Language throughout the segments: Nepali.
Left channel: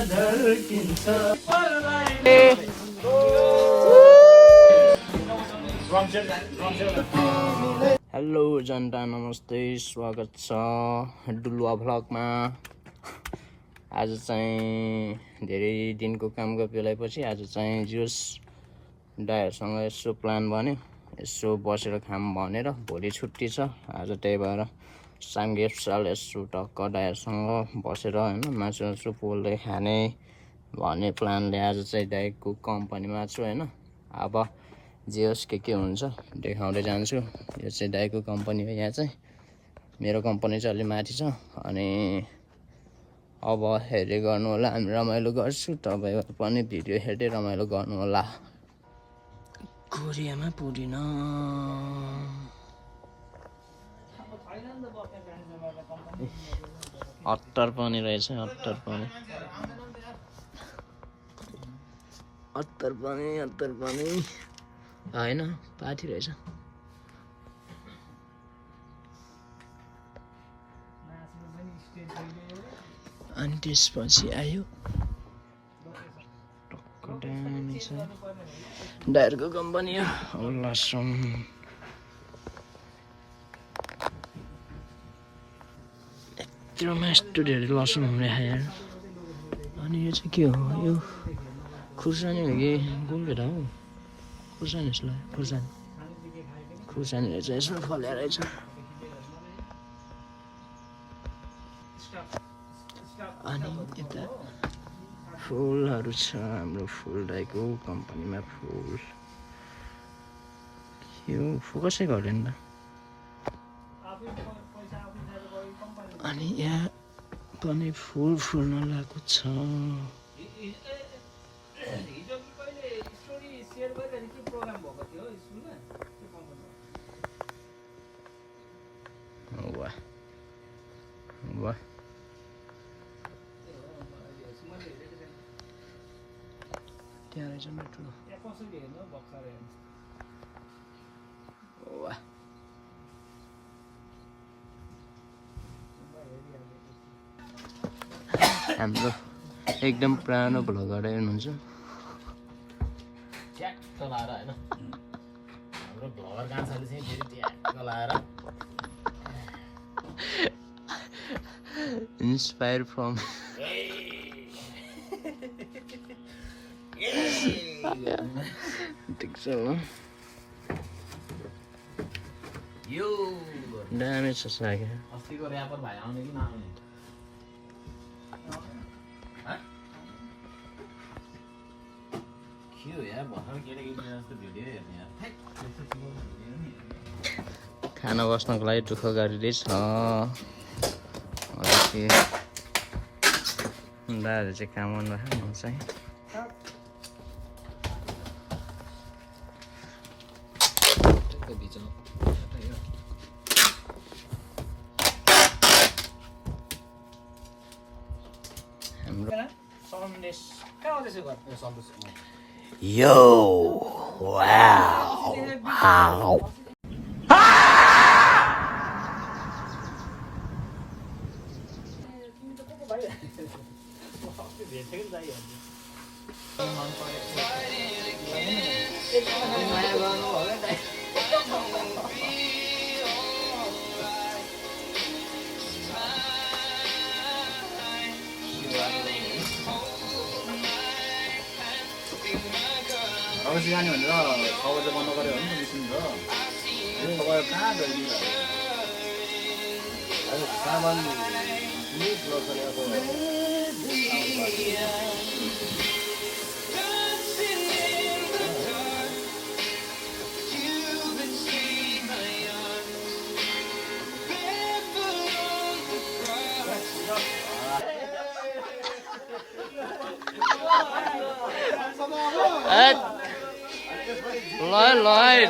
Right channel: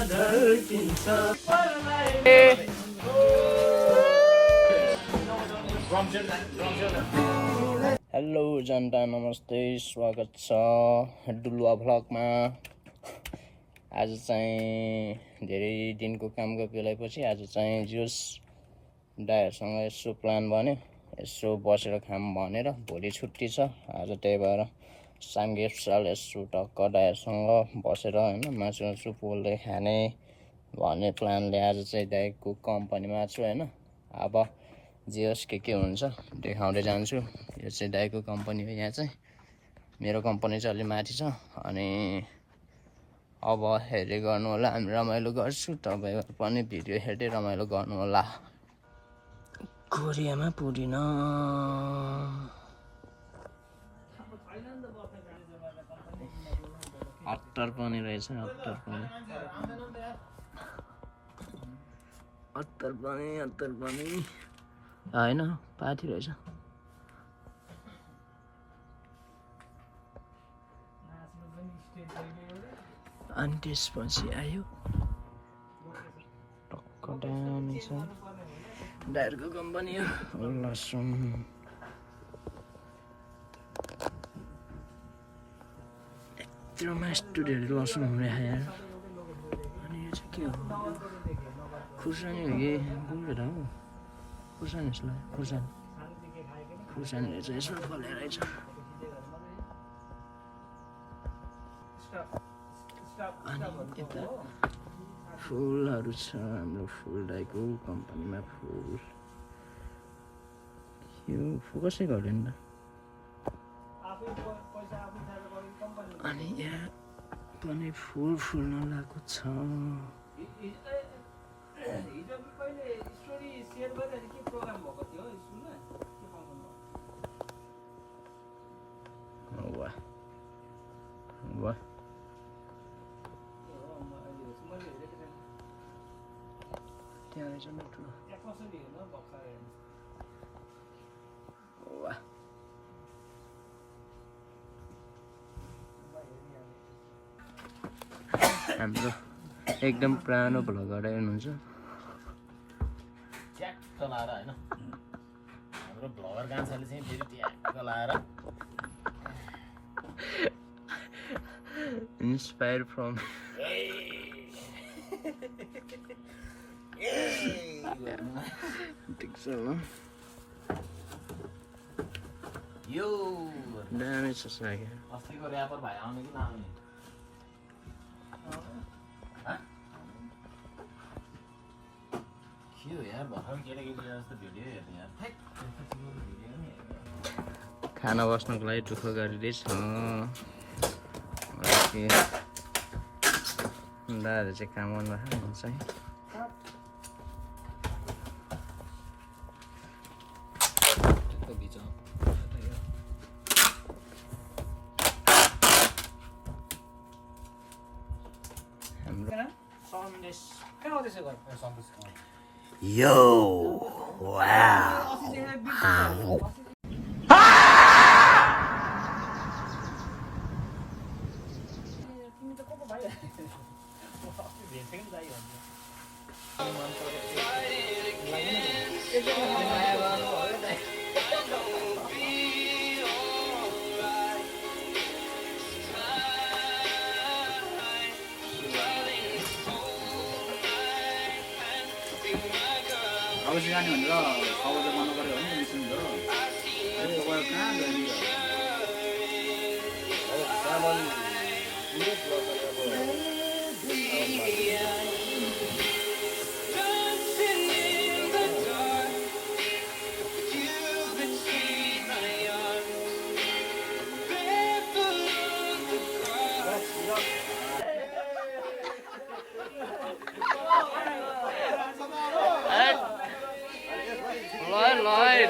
हेलो जनता, नमस्ते, स्वागत छ डुलुवा भ्लगमा। आज चाहिँ धेरै दिनको काम गफेलाएपछि आज चाहिँ जोस दाइहरूसँग यसो प्लान बन्यो, यसो बसेर खाम भनेर। भोलि छुट्टी छ आज, त्यही भएर साङ्गे साल यसो टक्क दाइहरूसँग बसेर होइन मासु पोल्दै खाने भन्ने प्लानले आज चाहिँ दाइको कम्पनीमा छु होइन। अब जे होस् के हुन्छ देखाउँदै जान्छु। यो चाहिँ दाइको कम्पनी हो, यहाँ चाहिँ मेरो कम्पनी चाहिँ अलि माथि छ। अनि अब हेर्दै गर्नु होला, हामी रमाइलो गर्छु, तपाईँहरू पनि भिडियो हेर्दै रमाइलो गर्नु होला। कोरियामा पुगिन अत्तर पनि रहेछ, अत्तर पनि होइन पाथी रहेछ। अनि त्यसपछि आयो टक्क दामी छ दाइरको कम्पनी हो लसुन। यत्रोमा यस्तो धेरै लसुन हुने यार। अनि यो चाहिँ के हो? यो खुर्सानी हो कि गुल्केटा हो? खुर्सानी जस्तो लाग्यो, खुर्सानी रहेछ, यसमा फल्या रहेछ। अनि यता फुलहरू छ, हाम्रो फुल दाइको कम्पनीमा फुल। यो फोकसै गर्दैन त। अनि यहाँ पनि फुल फुल्न लागेको छ। वाह त्यहाँ रहेछ नि ठुलो। वाह हाम्रो एकदम पुरानो भ्लगर हुनुहुन्छ। ट्याक्क लाएर होइन, हाम्रो भ्लगर कान्छाले चाहिँ फेरि ट्याक्क लाएर इन्स्पायर फ्रम ठिक छ ल। यो दामी छ साग। अस्तिको र्यापर भाइ आउने कि नआउने? खाना बस्नको लागि दुःख गरिँदैछ। दादाहरू चाहिँ काम गर्नु चाहिँ यो वाउ अवश्य जाने भनेर खबर चाहिँ बन्द गऱ्यो भने मिसिङ छ। तपाईँ कहाँ जाने सामान ल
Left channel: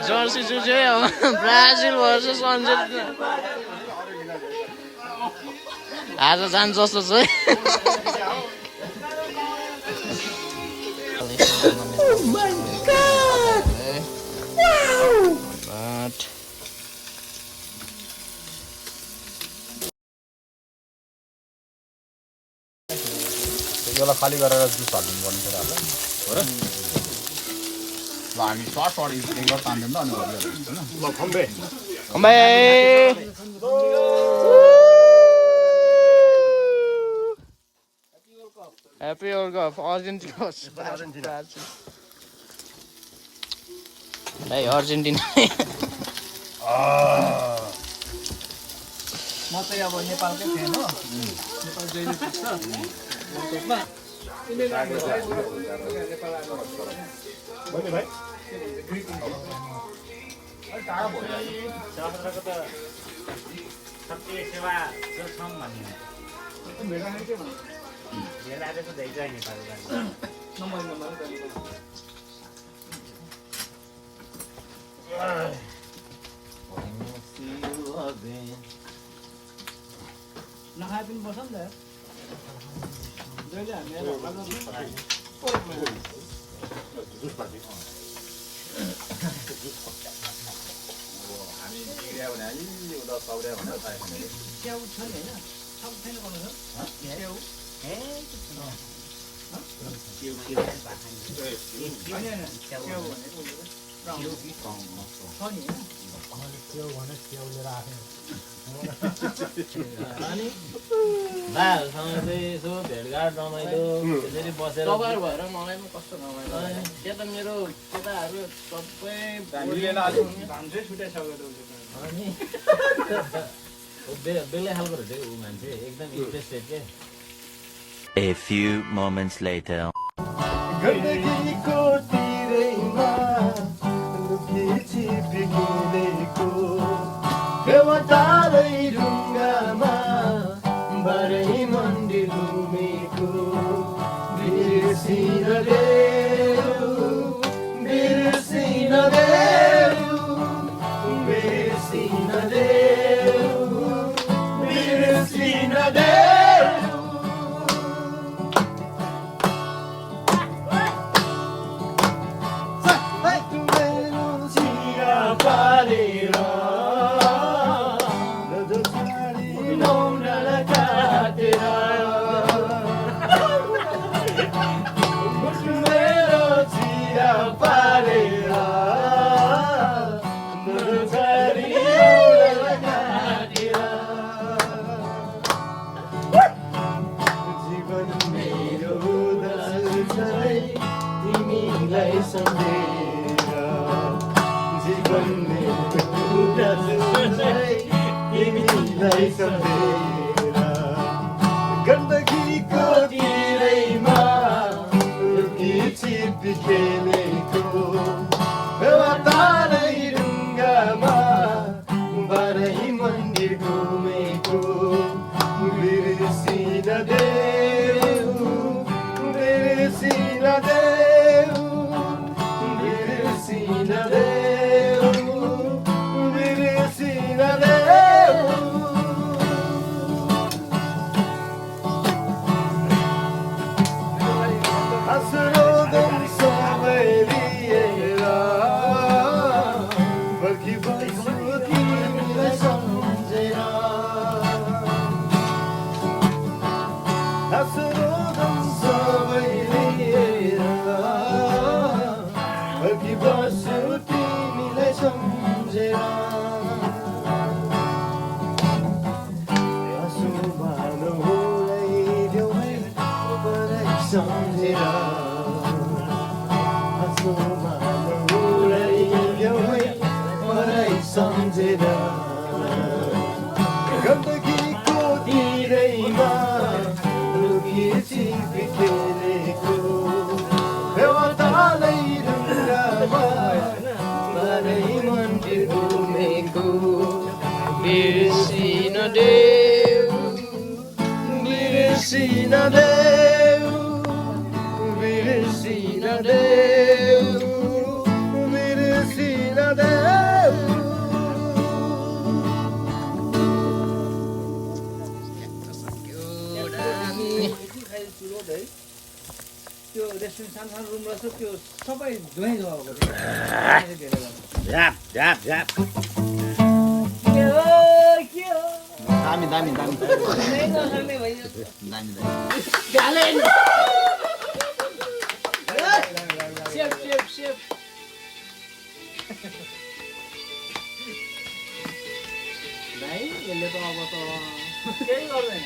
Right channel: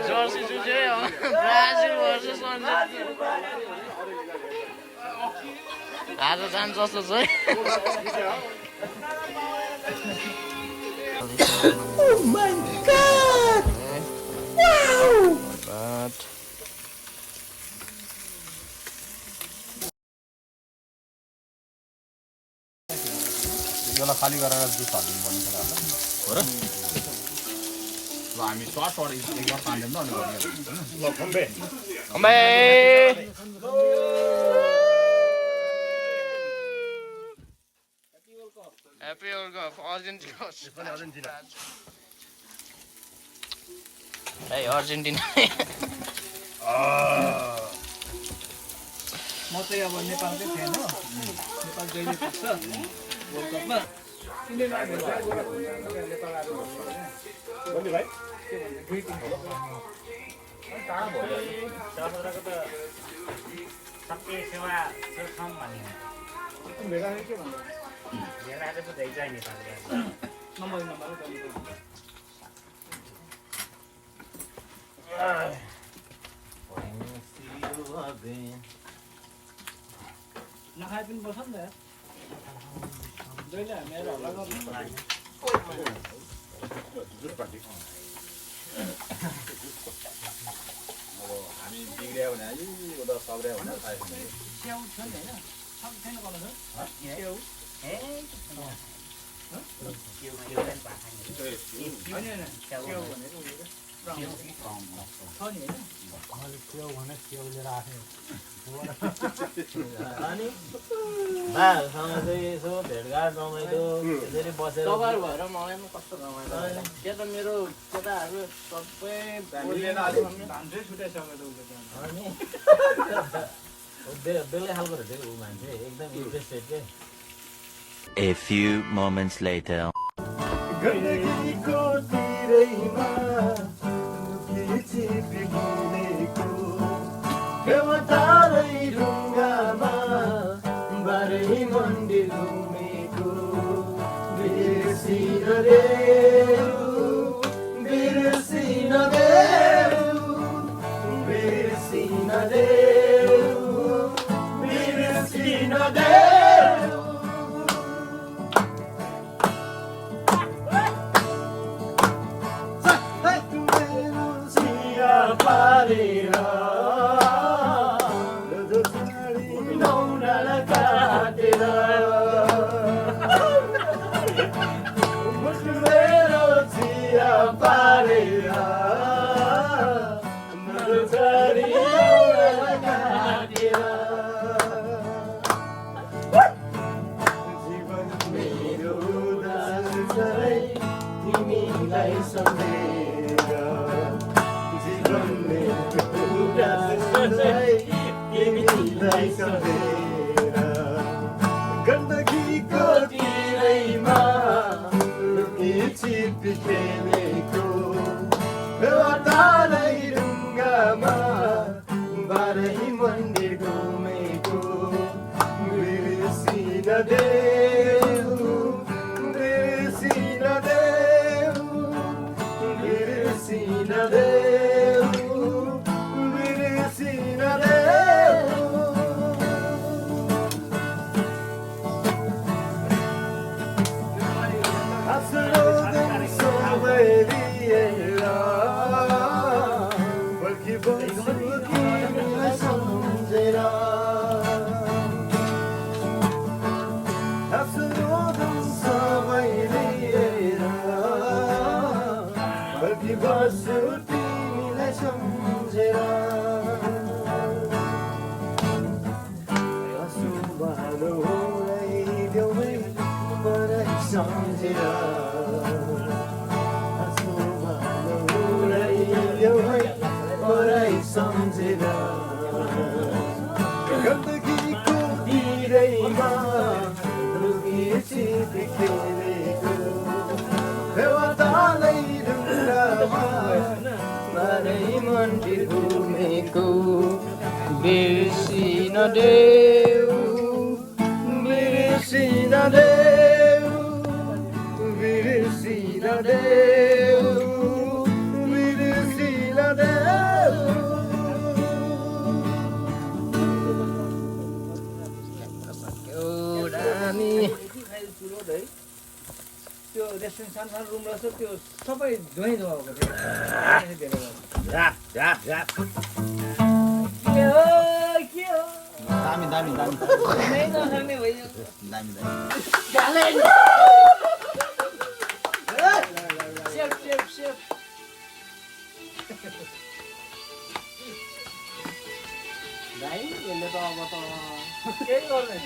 जर्सी चुच्यो ब्राजिल भर्सेस अर्जेन्टिना आज जान्छ जस्तो छ। Oh my God! Wow! Yo la खाली गरेर जुस हालिदिनु पर्ने कुराहरू हो र ल हामी स्वास अगाडि एक बार तान्दिउँ न अनि गरिहाल्छौँ होइन ल खम्बे Happy World Cup, Argentina. Hey, Argentina. म चाहिँ अब नेपालकै फ्यान हो नेपाल जहिले पुग्छ वर्ल्ड कपमा नखाए पनि बस्छ नि त जहिले हामी हल्ला गर्नु हामी बिग्रियो भने उता सौर्या भनेर खायो भने स्याउ छ नि होइन सब छैन बनाउँछ स्याउ होइन होइन स्याउ भनेको छ नि अनि भाइहरूसँग चाहिँ यसो भेटघाट रमाइलो त्यसरी बसेर कभर भएर मलाई पनि कस्तो रमाइलो के त मेरो केटाहरू सबै भान्जै छुटाइसकेको अनि बेग्लै खालको रहेछ ऊ मान्छे एकदम इन्ट्रेस्टेड के A few moments later. गण्डकीको तिरैमा लुकी छिपिएको देवतारै ढुङ्गामा बाह्रै मन्दिर घुमेको बिर्सिन देऊ बिर्सिन देऊ बिर्सिन देऊ बिर्सिन देऊ पारेर नौनाला काटेर मेरो चिया पारेर नौनाला काटेर जीवन मेरो दार्छै तिमीलाई सम्झेर जीवन मेरो दार्छै तिमीलाई सम्झेर गण्डकीको तिरैमा लुकी छिपी खेलेको देवतारै ढुङ्गामा बाह्रै मन्दिर घुमेको बिर्सिन देऊ बिर्सिन देऊ बिर्सिन देऊ बिर्सिन देऊ आस्रोदन सबै लिएर फर्किबस्छु तिमीलाई सम्झेर आस्रोदन सबै लिएर फर्किबस्छु तिमीलाई सम्झेर सम्झेर सम्झेर गण्डकीको तिरैमा लुकी छिपी खेलेको देवतालै ढुङ्गामा बाह्रै मन्दिर घुमेको बिर्सिन देऊ बिर्सिन देऊ बिर्सिन देऊ बिर्सिन देऊ यति खाइ चुलो है त्यो रेस्टुरेन्ट सानो सानो रुम रहेछ त्यो सबै धुवै धुवाएको थियो झ्याप झ्याप झ्याप के हो दामी दामी दामी नै नसक्ने भइयो दामी दामी सेफ सेफ सेफ भाइ यसले त अब त केही गर्दैन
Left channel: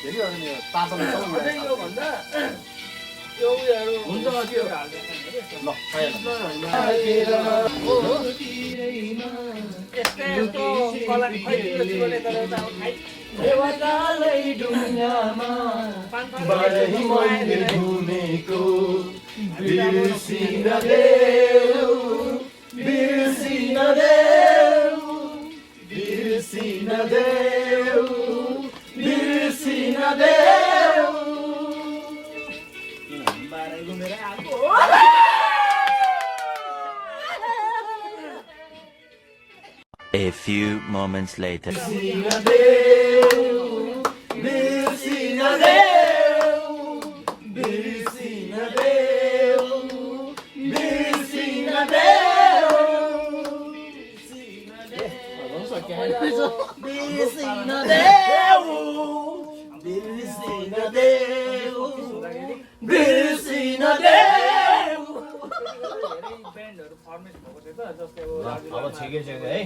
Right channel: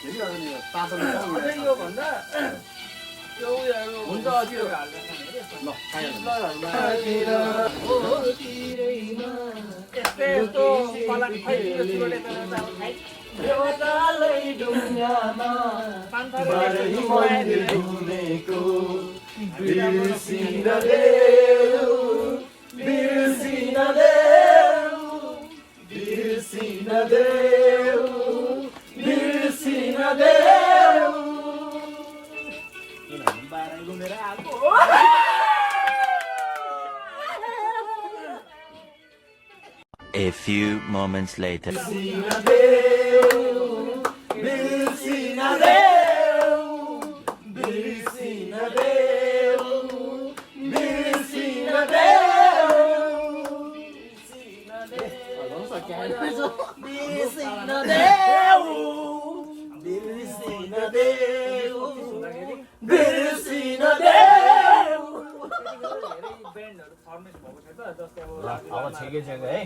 फेरि अनि यो तातोमा अझै यो भन्दा त्यो उयोहरू हुन्छ त्यो ल खाइहाल्नु यस्तो यस्तो कला खै चुरोटे तर अब खाइ देवतालै ढुङ्गामा बारै मन्दिर घुमेको बिर्सिन देऊ बिर्सिन देऊ बिर्सिन देऊ बिर्सिन देऊ बाह्रै घुमेर आएको A few moments later. बिर्सिन देऊ बिर्सिन देऊ बिर्सिन देऊ बिर्सिन देऊ बिर्सिन देऊ बिर्सिन देऊ ब्यान्डहरू फर्मेट भएको छ त जस्तै अब ठिकै छ है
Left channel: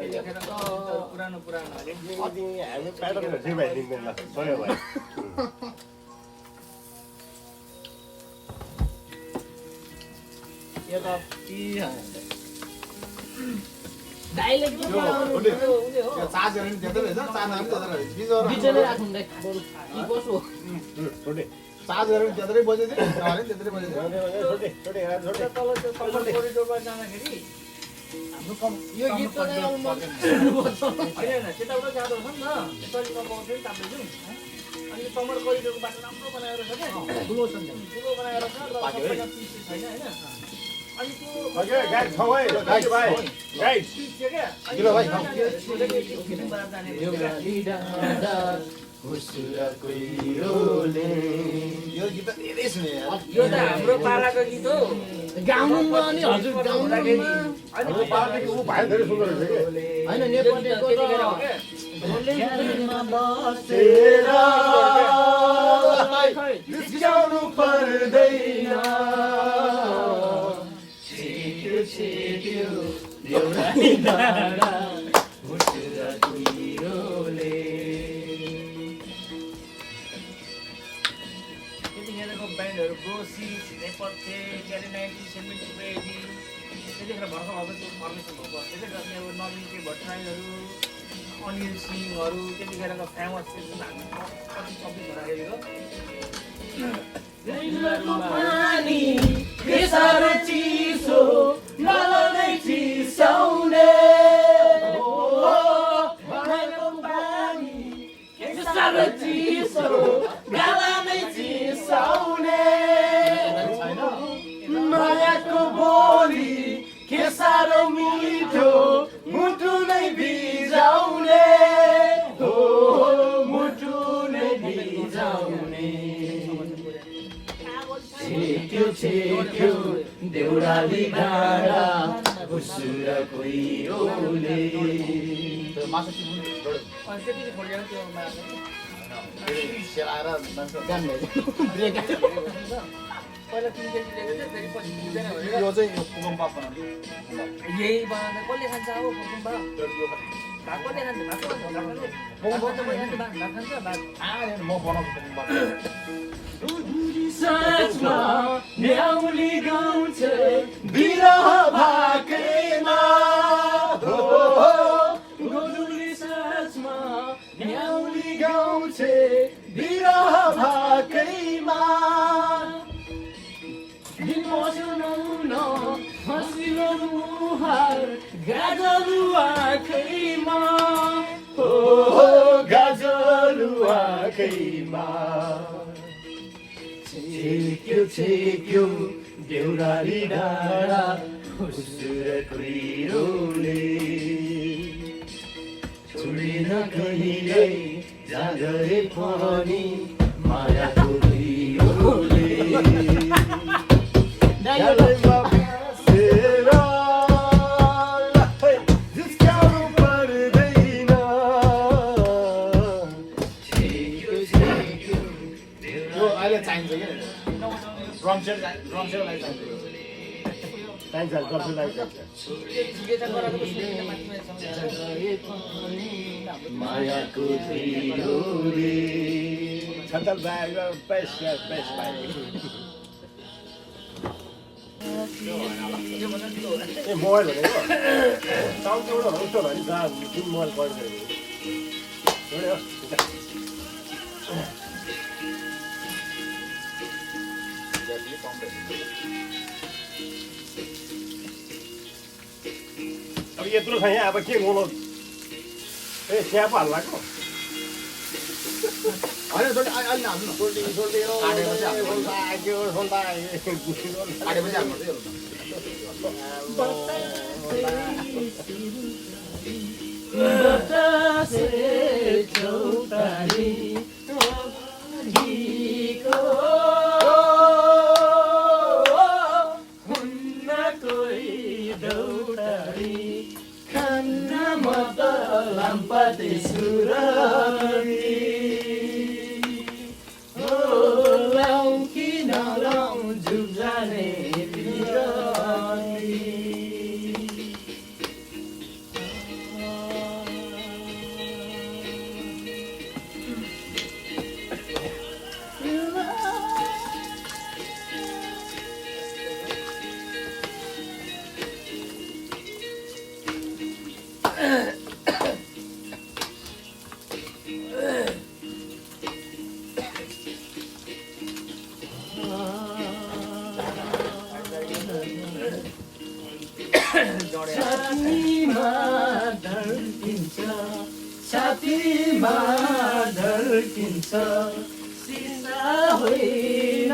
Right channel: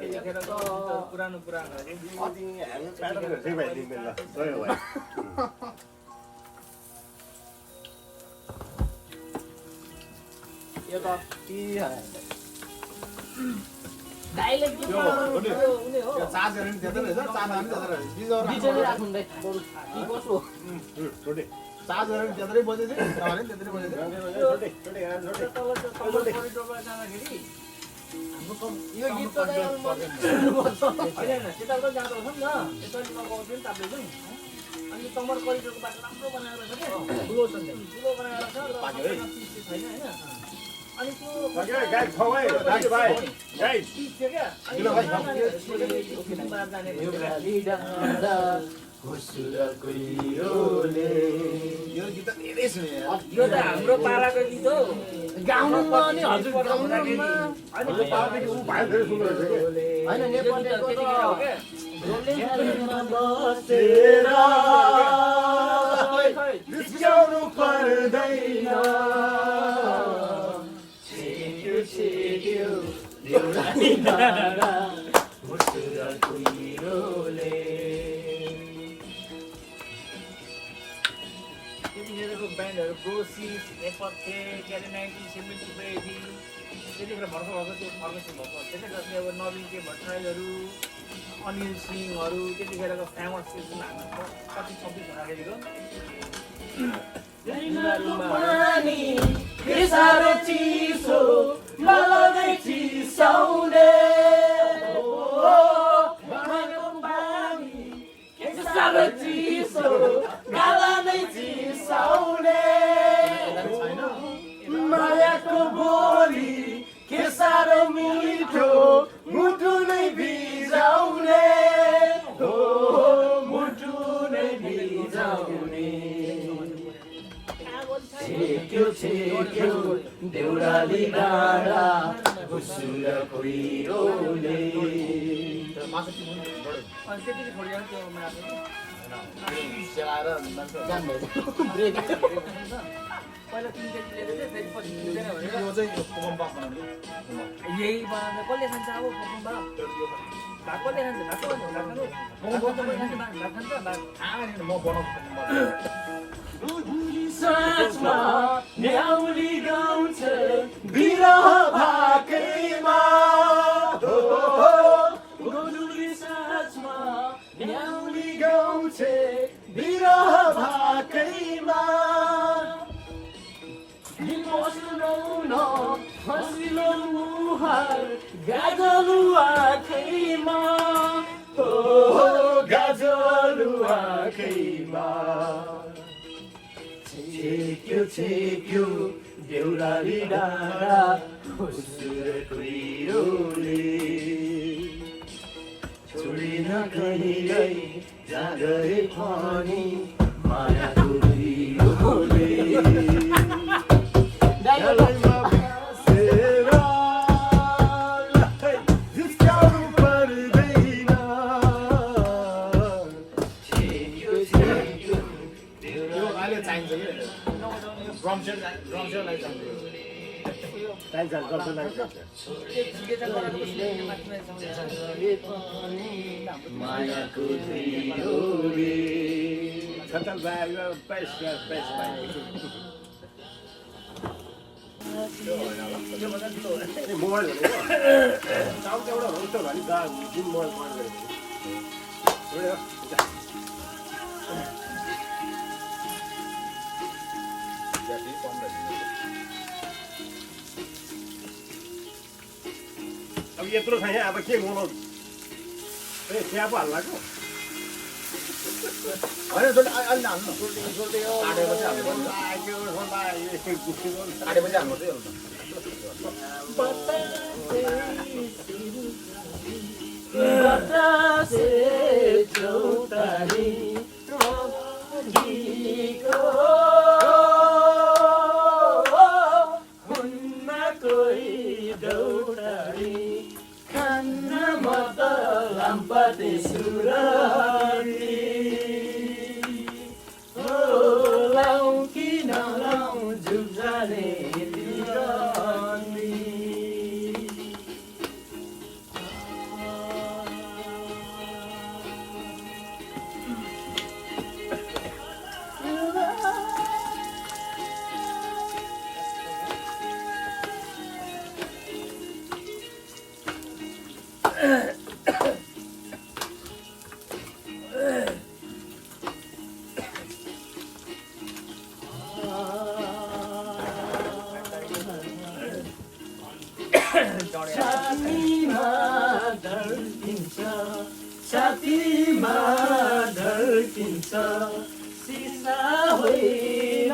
त्यतिखेर पुरानो पुरानोहरूले यो त चार्जर पनि त्यतै रहेछ चार्जर पनि त्यतै रहेछ बिजली राख्नु कसो चार्जर पनि त्यत्रै बजेको थियो तार पनि त्यत्रै बजेको तल त्यो कमल कोरिडोरमा जाँदाखेरि हाम्रो यो गीत त होइन त्यताबाट जाँदो रहेछ नि त यसरी पाउँथ्यो नि ताप्दै अनि कमल कोरिडोरको बाटो राम्रो बनाएर छ क्या ठुलो छ ठुलो बनाएर छ र छैन होइन अनि त्यो पिच थियो क्या जाने यो गीत त धेरै सुने यो त हाम्रो पालाको गीत हो गाउनु नि हजुर गाउनु होइन नेपालीको त जिस्क्याउनु पर्दैन छेक्यो छेक्यो देउराली डाँडा घुसुर कुहिरोले त्यतिखेरको ब्यान्डहरू गोसिस नेपथ्य क्यारे 1970 त्यतिखेर भर्खर भएको त्यो फर्मेसन भएको त्यसले गर्दा अब नवीन भट्टराईहरू अनिल सिंहहरू त्यतिखेरको फेमस त्यो जुन हाम्रो कति सब्जी हुँदाखेरिको पानी के साह्रो चिसो मलाई चिसाउने भाँडाको पानी के साह्रो चिसो गालामै चिसाउने मायाको बोली के साह्रो मिठो मुटु नै भिजाउने हो मुटु नै भिजाउने छेक्यो छेक्यो देउराली डाँडा घुसुर कुहिरोले मासु अनि त्यति छोडेर त्यो माथि सेलाएर पहिला 3 केजी लिएको थियो फेरि पछि पुग्दैन भनेर यो चाहिँ कुकुम्बा बनाउने यही बनाउँदा कसले खान्छ अब कुकुम्बा भात कसले खान्छ भात कसले खान्छ भात खान्छ भात म बनाउँछु कुकुम्बा साँझमा न्याउली गाउँछ बिरह भाकैमा गोधुली साँझमा न्याउली गाउँछ बिरह भाकैमा सुनाउन हँसिलो मुहार गाजलु आँखैमा गाजलु आँखैमा छेक्यो छेक्यो देउराली डाँडा घुसुर कुहिरोले छोडिन कहिल्यै जाँगरे पनि मायाको दुईले जिस्क्याउनु पर्दैन अहिले चाहिन्छ कि ड्रम सेट लागि चाहिन्छ चाहिन्छ गर्छलाई चाहिन्छ मायाको तिरोले खतम भयो बेस्ट भाइ मोबाइल भनेको एउटा यस्तो भयो नि जुन मोबाइल पढ्नु अब यत्रो छ यहाँ अब के बोलो ए चिया पो हाल्लाको होइन अहिले हाल्नु आँटेपछि हाल्नु छातीमा ढल्किन्छ सिसा होइन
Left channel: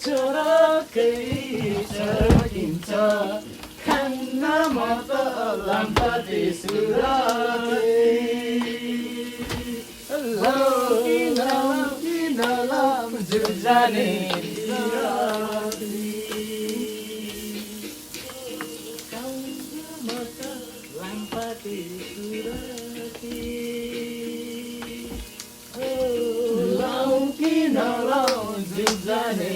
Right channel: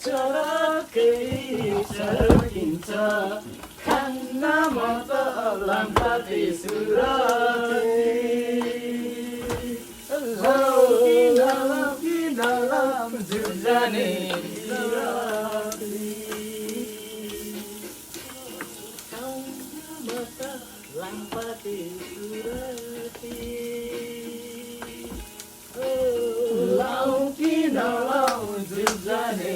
चरकै चर्किन्छ खान्न म त लाम्पाते सुरते किन लाम जुजाने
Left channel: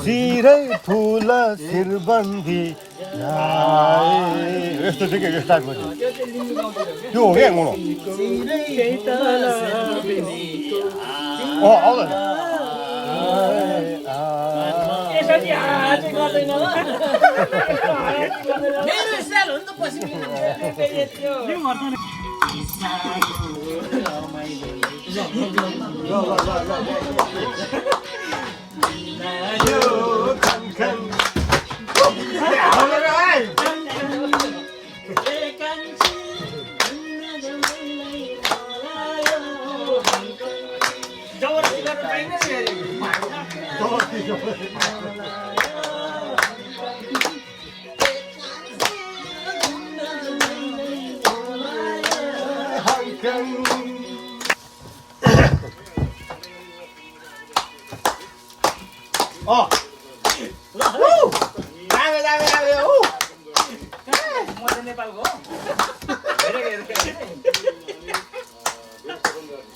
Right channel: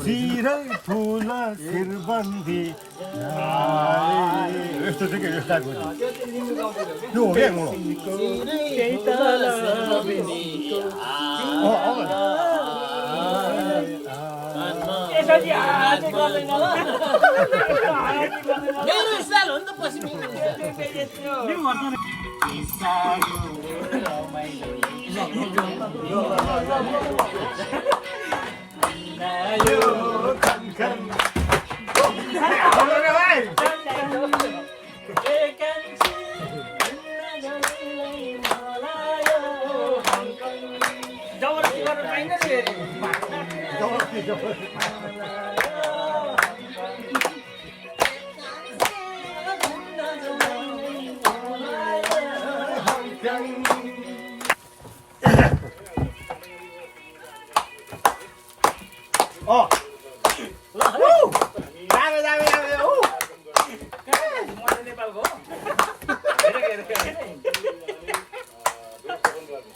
चिरै फुल शिरबन्दी यस्तो चाहिँ के स्टार्ट गर्छ त्यो हो क्या मोडो आउँदैन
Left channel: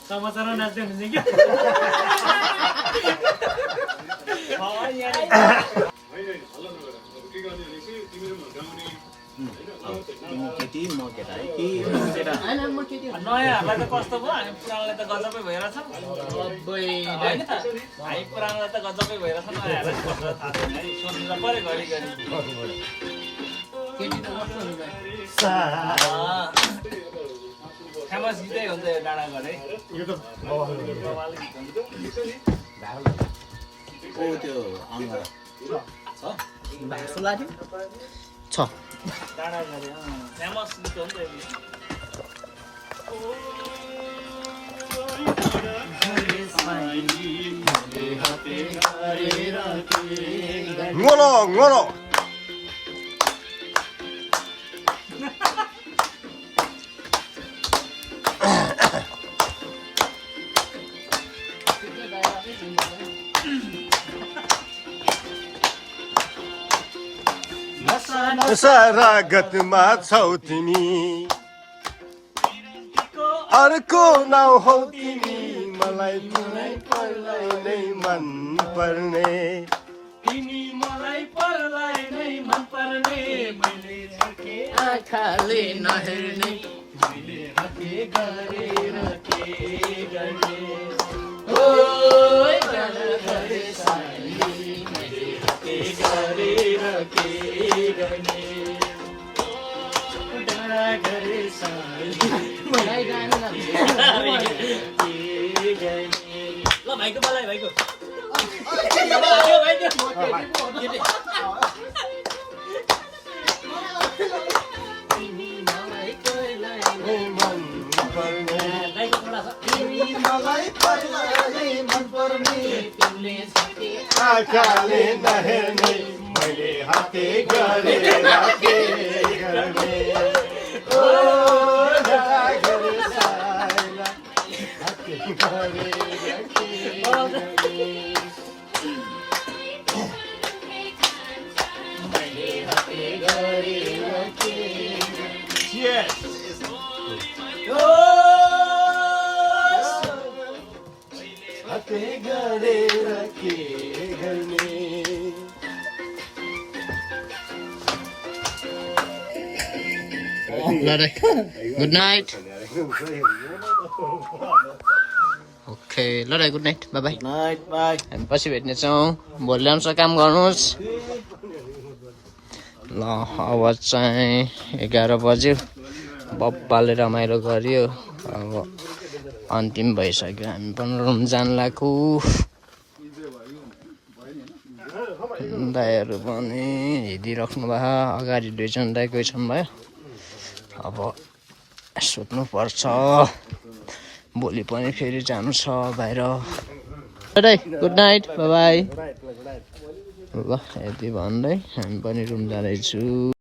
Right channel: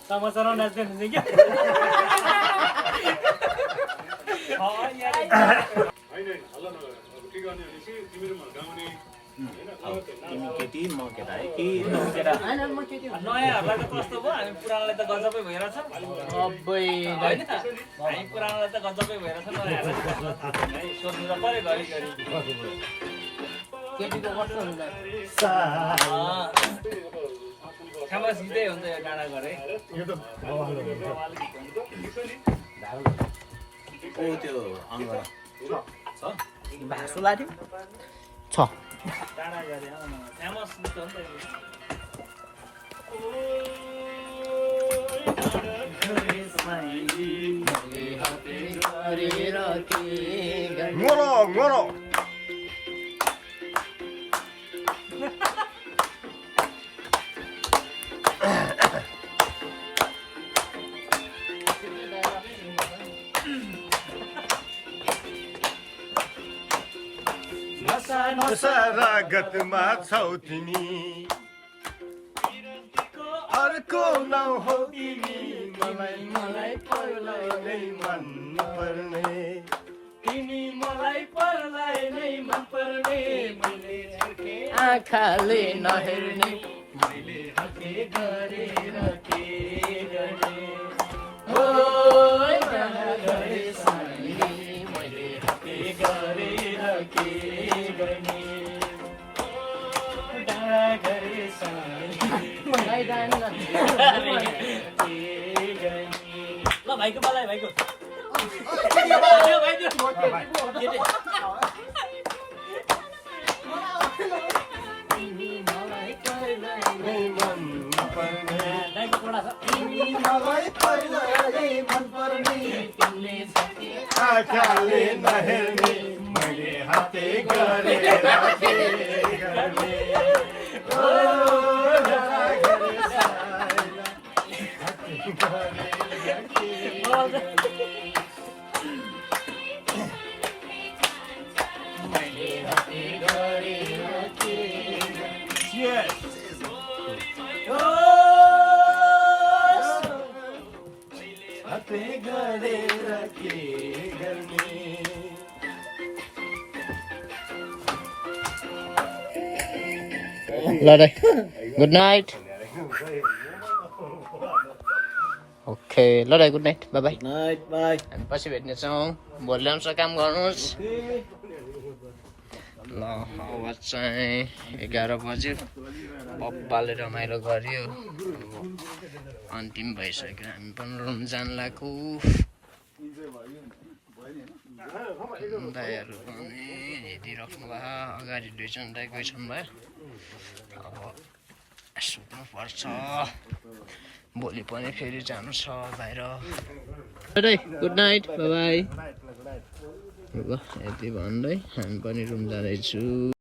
समाचारमा नाच्दै हुनुहुन्छ क्या नयाँहरूलाई त कस्तो भयो हामी पुरानोलाई त गजबै भइरहेछ होइन हामी पुरानोलाई त गजबै भइरहेछ नयाँहरूलाई कस्तो थाहा छैन है सोध्नु त पऱ्यो घरिघरि खामास गीतै हुन्छ यो डाँडा घर है डाँडा घर फेमस गीत हो नि ngono ngono संसारागतमा छौ तिमी अर्को नाउँ हौ तिमी मलाई पर्लाई नै मन पर्ने तिमी मलाई पर्लाई नै मन पर्ने मैले झर्के आँखाले नहेर्ने मैले हके गरेर के गर्ने ओइ गाना गरे साइली मैले के गरेर के गर्ने डाँडा गरे साली गाई गाएन न के गर्ने ल भाइको मलाई भाइको तिमी मलाई पर्लाई नै मन पर्ने भाइको खुला छ तिमी मलाई पर्लाई नै मन पर्ने तिमीले झर्के आँखाले नहेर्ने मैले हाते गरेर के गर्ने ओ गाना गरे साइला हाते गरेर के मैले हके गरेर के हाते गरेर के गर्ने ल दाइ गुड नाइट ओके ल दाइ good night by by night by हामी पछि भेट्नेछौँ भोलि आउँछ काम गर्नुहोस् ल अब चाहिँ 11 बज्यो बब्बाले रमाइलो गर्यो अब अन्तिम भइसक्यो हामी पनि रुम जान लाग्यो दाइहरू पनि हिँडिराख्नु भयो अगाडि 2 जना दाइ गइसक्नु भयो अब सुत्नुपर्छ भोलि पनि फेरि जानु छ बाहिर दाइ गुड नाइट बाई बाई ल यति भन्दै हामी पनि रुम जाँदैछु